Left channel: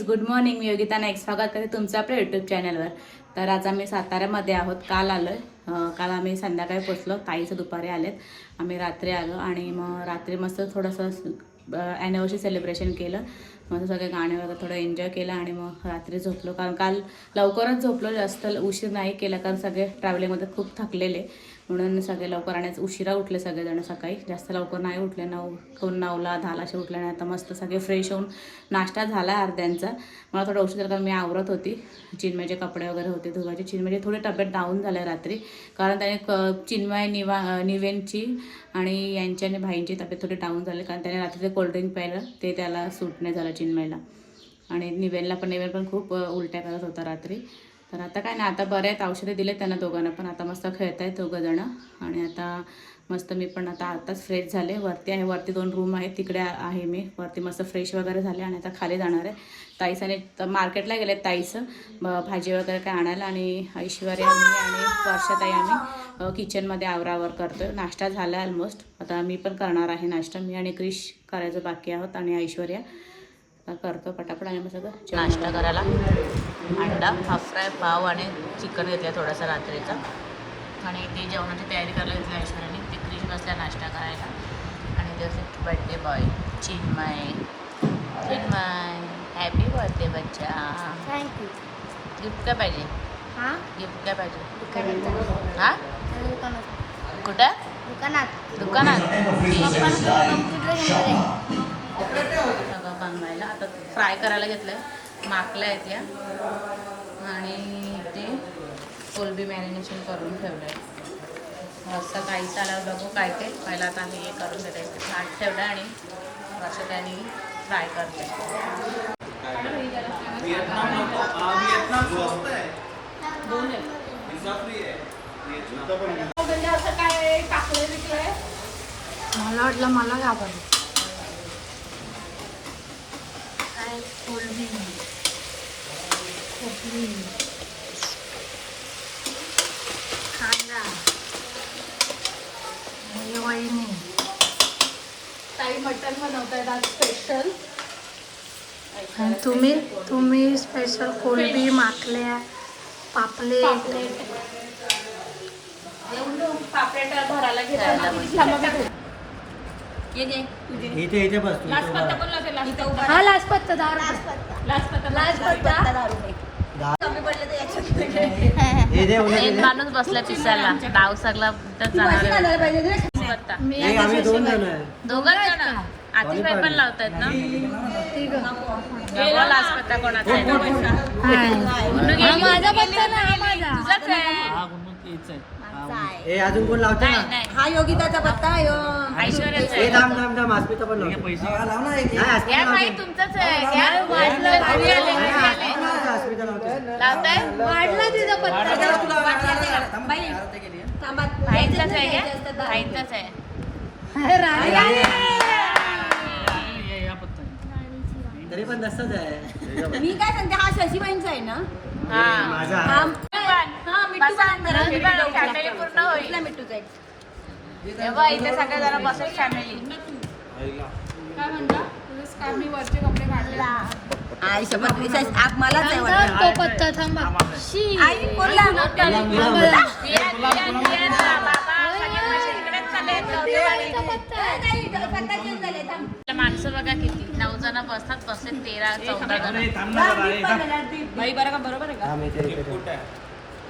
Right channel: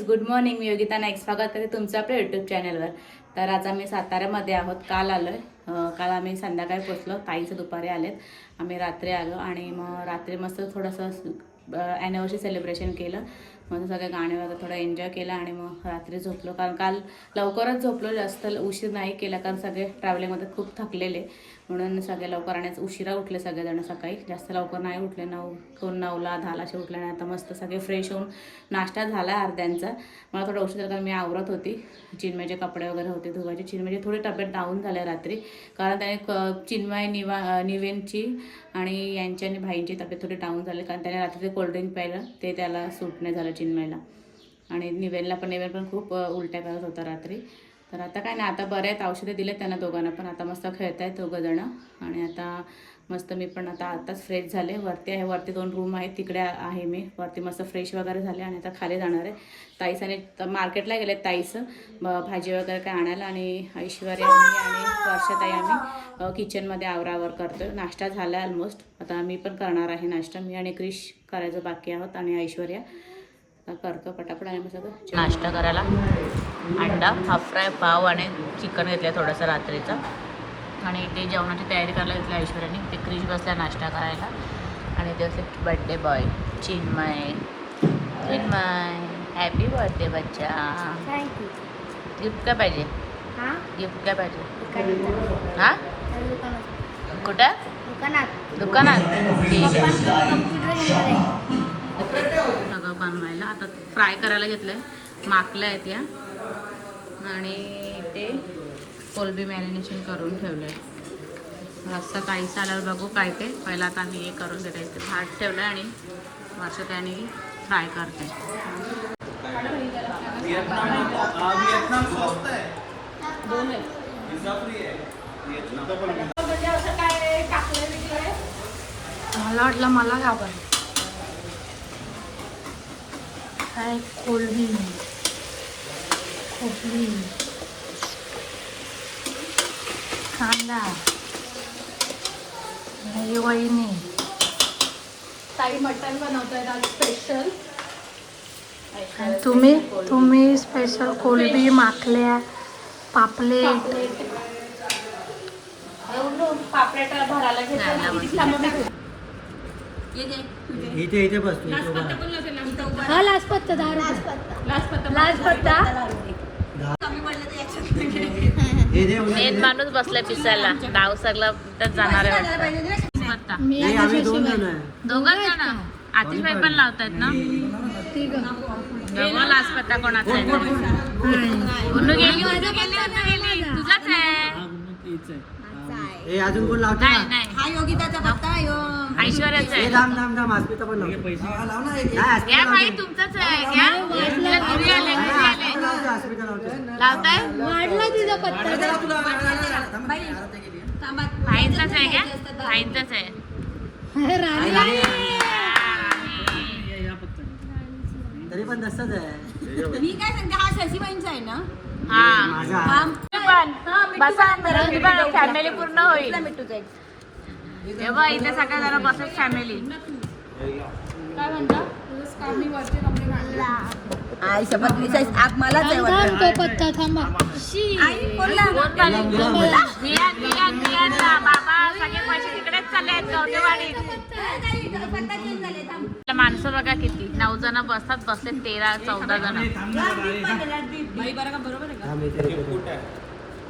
Guys good morning मी योगिता नाईक. स्वागत करते तुमचं आपल्या यूट्यूब चॅनलवर तर आज आम्ही साताऱ्यामध्ये आहोत. काल आलो आहे काल आम्ही संध्याकाळी पोचलो. ताईचं दुपारी आलेत. आम्ही रात्री आलो आणि मग रात्री मस्त थोडंसं ॲनिव्हर्सरी सेलिब्रेशन केलं. मग सगळे गाणे वगैरे थोडं एन्जॉय केलं आणि मग रात्री झोपलो. कारण काल लवकरच झोपलो. जास्त उशीर नाही केला कारण सगळे ट्रॅव्हलिंगमध्ये खूप थकलेले. म्हणून सगळे लवकर आणि उशिरा उठले सगळेजण सकाळी. जास्त लवकर नाही उठले नऊ कोण नऊला दहाला असे उठले नाही आता मस्त सगळे फ्रेश होऊन नाश्ता झाला अर्ध्यांचा. मला थोडं उशीर कारण मी आवरत होती. चिन्मयचे कपडे वगैरे होते धुवायचे. चिन्मयची थोडी तब्येत डाऊन झाले रात्री. कारण त्याने क चिन्मय निवा निवेंची आणि यांची आणि भाईंची तब्येत थोडी डाऊन झाली. कारण त्याने रात्री ते कोल्ड्रिंक प्यायलं ते त्याला सूट नाही झालं चिन्मयला. आणि निवेनला पण निवेन पण खूप उलट्या करत होता रात्री. तर आता काय नाही आता बरे आहेत औषधे दिले त्यांना दोघांना पण. आता मस्त खेळत आहेत दोघंजणं आणि आता मस्त मी पण आता आताच फ्रेश झाले. वरती आहे वरती दोन रूम आहेत. तिकडे आहे मी. वरती मस्त फ्रेश वगैरे झाले आणि आता खाली जाणार आहे. ताईसाने मार्केटला गेले ताईचं ब- भाजी वगैरे काय आणायला आणि ऐश्वर्या मी आणि वर्षाताई आम्ही किचनमध्ये आवरावर करतो नाश्ता झाला ऑलमोस्ट आता मी पण करणार आहे नाश्ता. मी आणि क्रिश करायचं बाकी आहोत आणि ऐश्वर्या. करतो पटापट आणि मग सगळं नाश्ता करायला. अंडा हाफ फ्राय पाव आणि चिकन घेतलं थोडंसं रात्रीचं. आणि ते जेवणाची तयारी करायला घेतली ऐश्वर्याने. ते क्रीज बसल्या नाश्ता करायला. आणि ते असे birthday boy Chinmay Chinmay happy birthday बच्चा. थँक्यू गिफ्ट काय पाहिजे? हां? गिफ्ट काय पाहिजे? हां? दुकानात. कुठं? दुकानात. दुकानात. कम्प्युटर बनवायला. आता फ्राय करायला घेतलं आहे माकल्या आहेत या. आणि ते कोलबी मॅरिनेशन करून ठेवलं आहे रस्ता काहीच आल्यावर बघू काय ते. पहिला आता आम्ही हे करून घेतो. इथे भात ठेवलं आणि वर्ष त्याने फ्राय करते. मला वाटलं मला घाबर काय? कोलबी खोबरी कांदा. दही वहिनी. ताई मटण बनवतोय आज स्पेशल आणि तुम्ही तुम्ही स्पेशल कोलबी माकल्या पापलेट. पापलेट. भरायला खायला घेतलं इथे इथे बस तू इथे उभा राहा. माणूस बसलाय पिसायला. डाव सगळा तर जाणार आम्ही दोन जण आहे. दोघं जण. आतिफाई पण लावतायत ना? नको लाजपत्ता कोणाचा आहे? तो. उन्नू गेली. उन्नू गेली उन्नू गेली. तुझाच आहे. ए अजून कोण लावते हा योगिताचा पत्ता ऐश्वर्याच आहे. पण लावते. नाही लावते. तुमचंच आहे. घ्या इकडे घरी आले घरी आले आस्मिता लावते, आस्मिता लावते लावताय? भाईंचाच आहे घ्या भाईंचाच आहे. तरी पण तसंच आहे. मी काय सांगते हा शशीबाईंचा आहे ना? हा. पण फॅमिली पूर्ण होईल. मिठूचा एक तेव्हा इथे सगळे जण बसत फॅमिली काय म्हणता? मी वरचे कपडे काढले. आई शपथ आप मलाच आहे वाटतं. आई कोणला दिया दिया दिया ना बाबा सगळे तिकडेच चालले आहेत. माणसं बघा किती. नऊ जण बसतात बसले तेरा चौदा जण. बाई बरं का बरोबर आहे ठेव.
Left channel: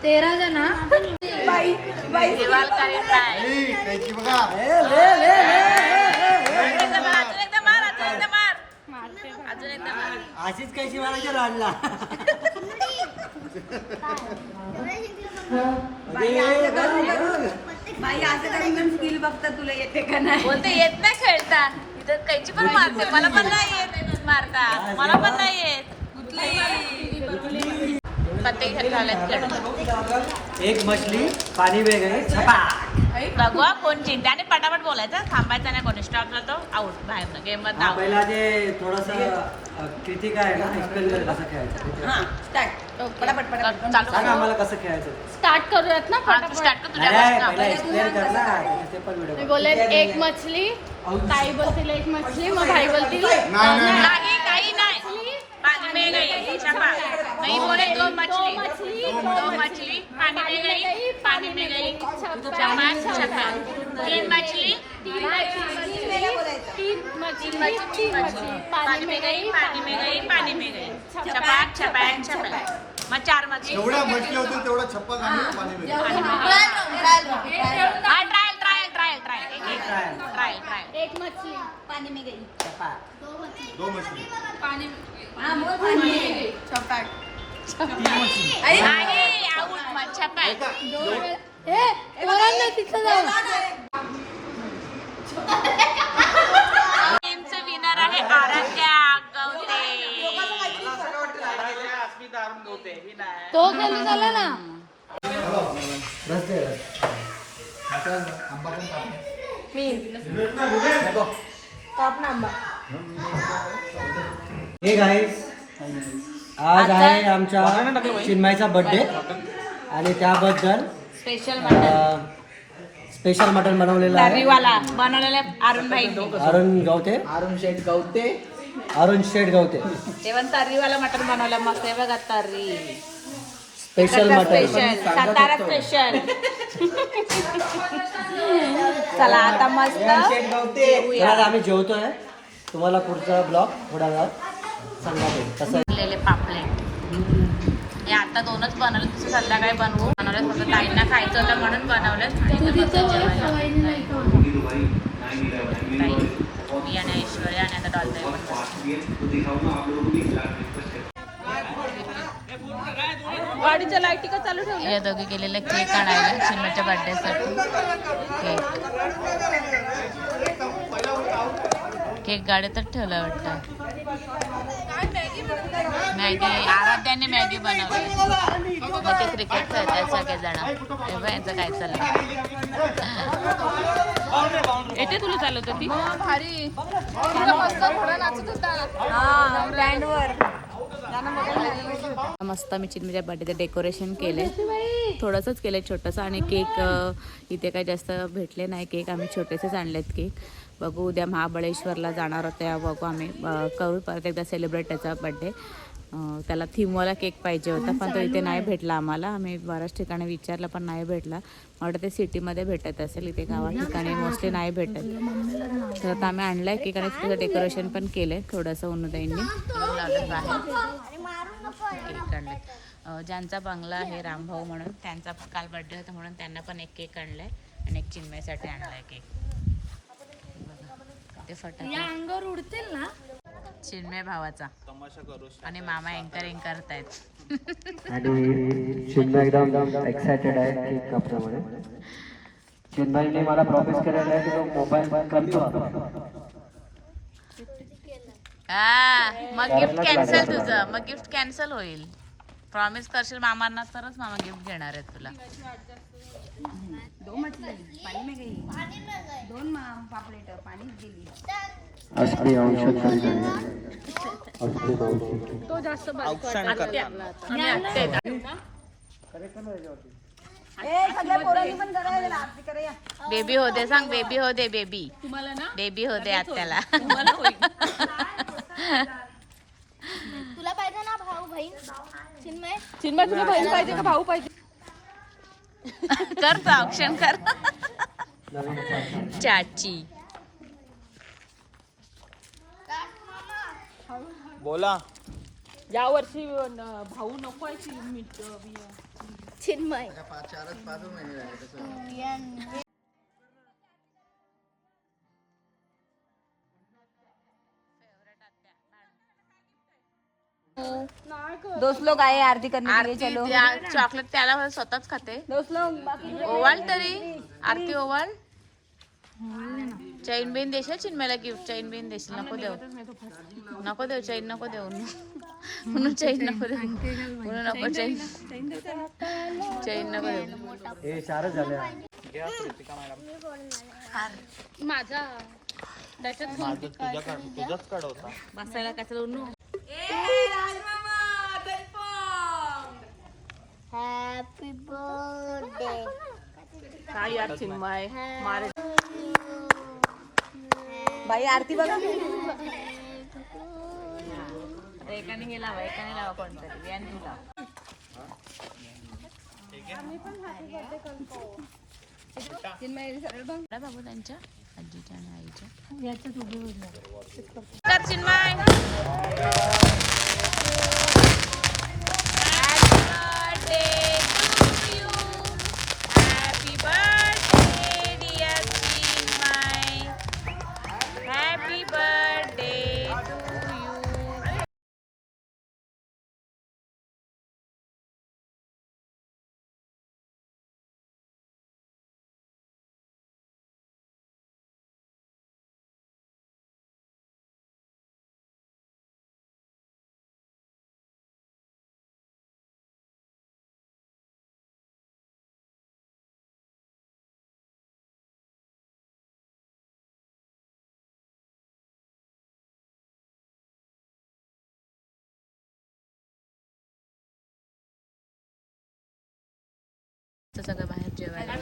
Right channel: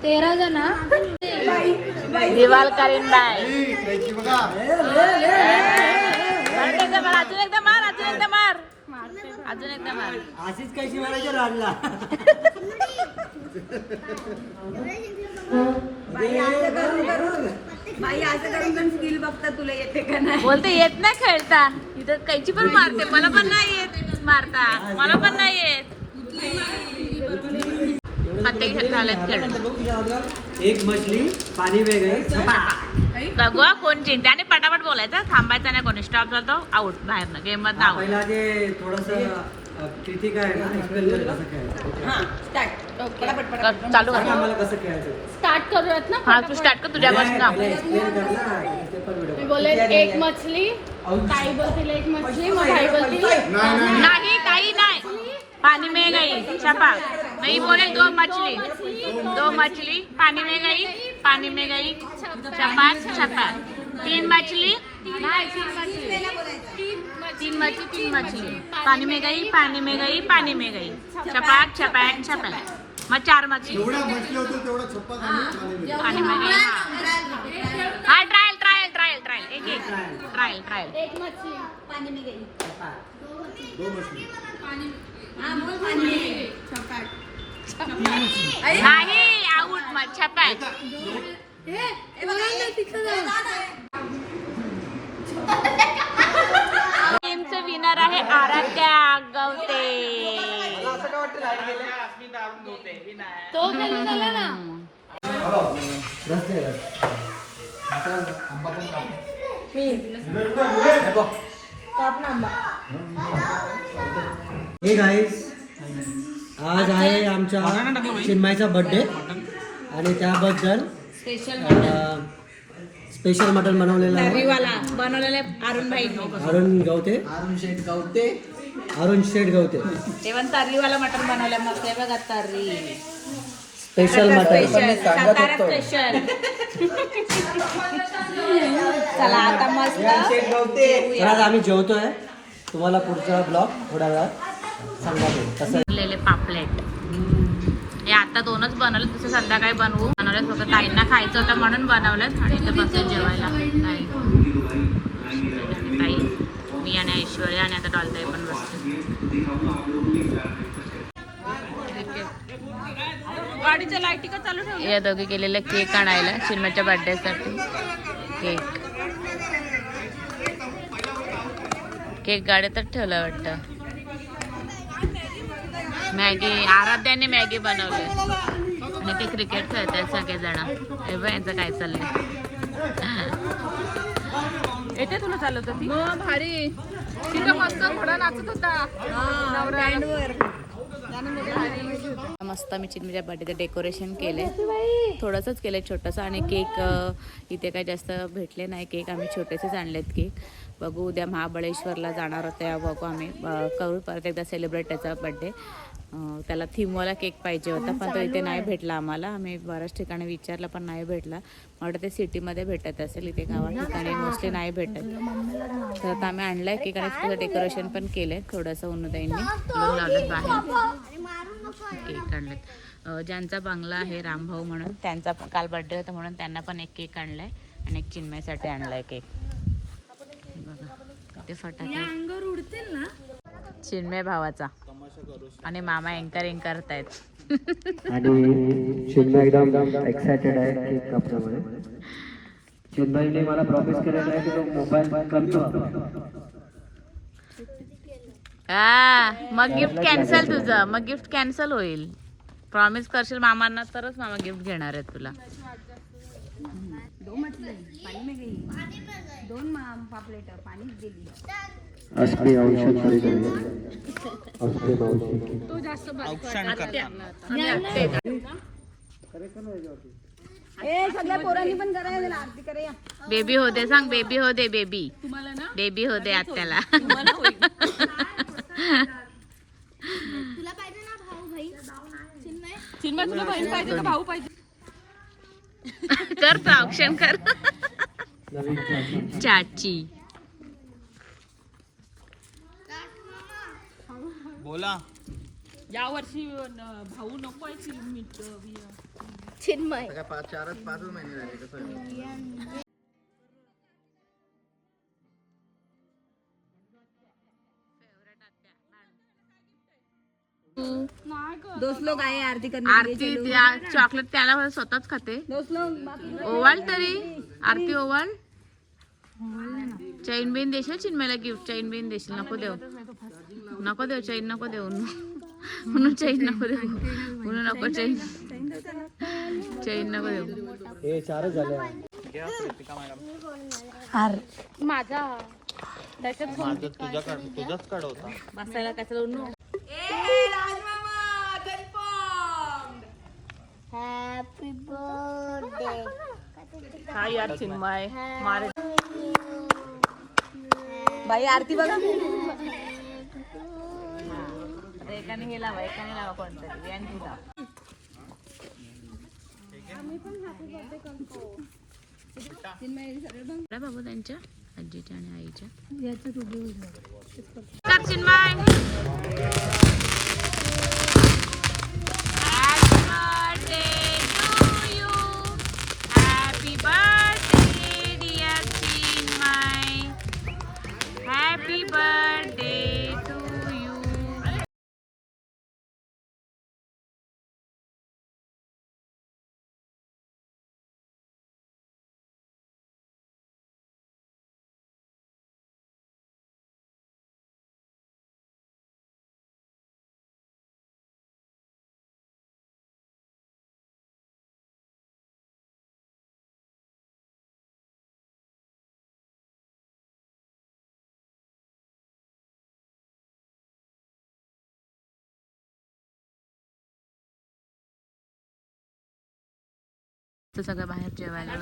तेरा जण दिवाल करीन बाय अजून एकदा मार अजून एकदा मार अजून एकदा मार अजून एकदा मार अशीच कैशी मारायची राडला? बाई असं करून पण स्किल बघता तुला येते का नाही? बोलते येत नाही खेळता. इथं कैची पण मारते. मला पण नाही येत मारता. मला पण नाही येत. पत्ते झालेत खेळून एक मछली पाणी में गई छपाक बघू हा, कोण जिंकते? आणि पटापट बोलायचं. थांबायचं नाही कोणी. स्टॉप जातो आउट बाहेर गेममध्ये आउट पहिला ते थोडस क्रितिक आहे ना? एक्सप्लेन कर कसं खेळायचं. हा स्टार्ट चालू सांग आम्हाला कसं खेळायचं? स्टार्ट करूयात ना हा तू स्टार्ट कर तुझ्या नाही, पहिला एक्सप्लेन कर ना. ते पण मी व्हिडिओ बोलेन एक मछली ताई बोलतील एक मछली मग भाई बोलतील. नाही. नाही काही नाही. पानी में गई छपा. नहीं बोले दो मछली. दो मछली. पानी में गई पानी में गई चपाक छपा. तीन मछली. तीन मछली तीन मछली पानी में गई पानी में गई पानी में गई छपाक छपाक छपाक मग चार मछली जेवढ्या म्हटल्या होत्या तेवढा छप्पा काढून पाणी पानी में गई हाँ ट्रायल ट्रायल ट्रायल ट्रायल एक एक ट्रायल ट्रायल एक मछली पानी में गई दो मछली नाही आऊट मग छपाक ए पोरांना तिथं जाऊ गेमचं विनर आहे आराध्या गवते. तो हे गाईस आज आहे आमच्या चिन्मयचा बर्थडे आणि त्याबद्दल स्पेशल स्पेशल मटण बनवलेलं आहे. बनवलेला अरुण भाई. अरुण गवते. अरुण शेठ गवते. अरुण शेठ गवते. तेव्हा तर्रीवाला मटण बनवलं. मग ते बघा तर्री. Special mutton special Satara special चला आता मस्त तर आज आम्ही जेवतोय. तुम्हाला पुढचा ब्लॉग थोड्या वेळात कसं बनलेले पापलेट. आता दोनच बनवले तसं संध्याकाळी बनवू. बनवले फक्त ताईंना खायचं होतं म्हणून बनवलं आणि जेवायला. ताई मी आणि ऐश्वर्या आणि आता डॉलताई पण बसतो या दोघे गेलेले केक आणायला चिन्मच्या बर्थडेसाठी केक. केक गाडीतच ठेवला वाटतं. मॅगी आराध्याने मॅगी बनवली. मग ते क्रिकेट खेळतात सगळेजण तेव्हा यांचं काय चाललंय. येते तुला चालत होती? भारी. मस्त घोडा नाचत होता. मस्त मी चिन्मीच्या बर्थडेचं डेकोरेशन केले थोडंसंच केलं छोटंसं आणि केक इथे काही जास्त भेटले नाही. केक आम्ही छोटेसेच आणलेत केक बघू उद्या महाबळेश्वरला जाणार होते तेव्हा बघू आम्ही करू परत एकदा सेलिब्रेट त्याचा बड्डे त्याला थीमवाला केक पाहिजे होता पण तो इथे नाही भेटला आम्हाला. आम्ही बऱ्याच ठिकाणी विचारलं पण नाही भेटला. वाटतं ते सिटीमध्ये भेटत असेल इथे गावा ठिकाणी मोस्टली नाही भेटत. तर आता आम्ही आणलाय केक आणि त्याचं डेकोरेशन पण केलंय थोडंसं उन्नताईंनी लावलं बाहेर. केक आणलेत. ज्यांचा बंगला आहे रामभाऊ म्हणून त्यांचा काल बर्थडे होता म्हणून त्यांना पण एक केक आणलाय आणि एक चिन्मयसाठी आणलाय केक बघा किती फटाके. अंगावर उडतील ना? चिन्मय भावाचा. आणि मामा अँकरिंग करतायत आणि चिन्मय एकदम एक्सायटेड आहे केक कापण्यामध्ये चिन्मयने मला प्रॉमिस केलेलं आहे की तो मोबाईल कमी वापरेल. हा मग गिफ्ट कॅन्सल तुझं. मग गिफ्ट कॅन्सल होईल. प्रॉमिस करशील मामांना तरच मामा गिफ्ट घेणार आहेत तुला. असली औषध खरेदी आहे. असली औषध. बेबी होते सांग बेबी होते बेबी. तुम्हाला ना? बेबी होते आत्याला. तुला पाहिजे ना भाऊ बहीण? चिन्मय? चिन्मय तुला बहीण पाहिजे का भाऊ पाहिजे? कर तो ऑप्शन कर. चाची. या वर्षी न- भाऊ नको आहे की मीठ चिन्मय. पाच चारच पाचच महिने राहिले कसं दोस्त लोग आए आरती करने आरती त्या चॉकलेट त्याला स्वतःच खाते. दोस्त लोग ओवाळ तरी. आरती ओवाळ चैन बिन देशील चिन्मयला गिफ्ट चैन बिन देशील नको देऊ. नको देऊ चैन नको देऊ. म्हणून चैन नको देऊ. म्हणून नको चैन चैन नको देऊ. माझा. बसायला कशाला उन्नू हॅपी बर्थडे काय यार चिन्मय? मारे बाई आरती बघा. एकाने हे लावा एकाने लावा कोणतरी. व्यान तू लाव. बाबू त्यांच्या आजीच्या आणि आईच्या. चिन्मय. तर सगळं बाहेर जेवायला.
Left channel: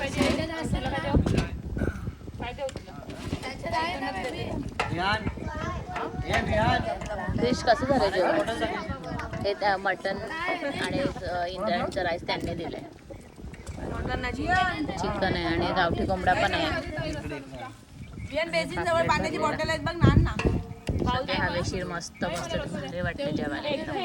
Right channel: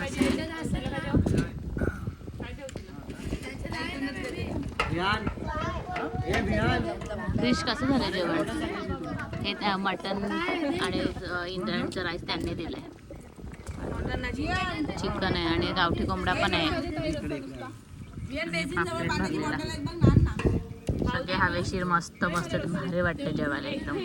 फिश कसं झालं जेवण? हे त्या मटन आणि इंद्रायणचं राईस त्यांनी दिलंय. चिकन आहे आणि गावठी कोंबडा पण आहे. हवेशीर मस्त मस्त भारी वाटते जेवायला एकदम.